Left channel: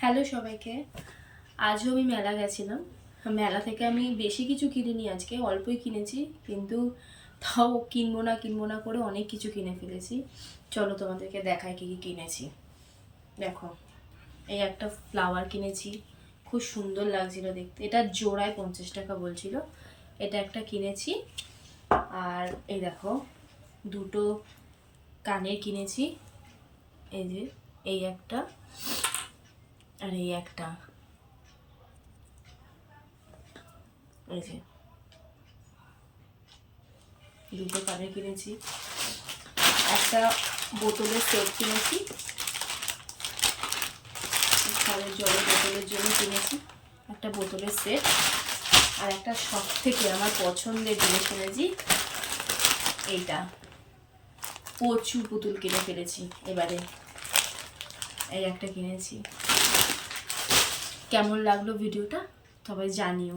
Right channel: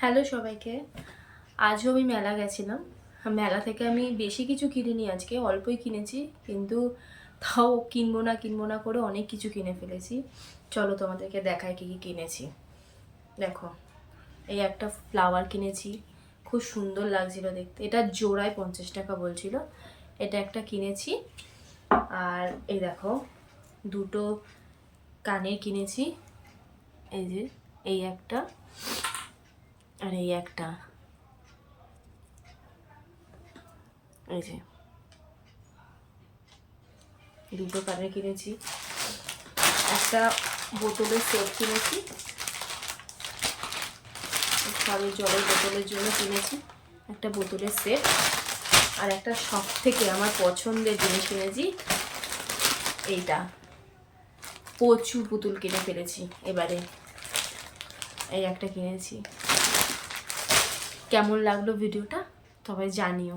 Hello সবাইকে। আজও আমি মেলা গেছিলাম। মেলা থেকে আমি বেশি কিছু কিনিনি, আজকে অল্পই কিনেছি, কিন্তু তাও কিনবো না করে অনেক কিছু কিনে ফেলেছি। চলো তোমাদেরকে দেখাই কী কী কিনেছি। দেখো, এই একটা ফ্লাওয়ার কিনেছি, খুব সুন্দর লাগছিল দেখতে। এটা জোড়ায় 50 টাকা বলছিল। এটা একটা কিনেছি। আর এই দেখো, দুটো কানের কিনেছি। এই যে এই একটা আর এই একটা, এই যে দুটো কানের কিনেছি। একটা বোতলের সেট কিনেছি, ঘরের জলের বোতলের জন্য কিনেছি একটা বোতলের সেট। আর একটা সব থেকে আমার পছন্দের জিনিস কিনেছি, এইটা প্রচুর পুতুল কিনে ফেলেছি এবারে। এই একটা কিনেছি। কেমন লাগলো ভিডিওটা সবাই জানিও।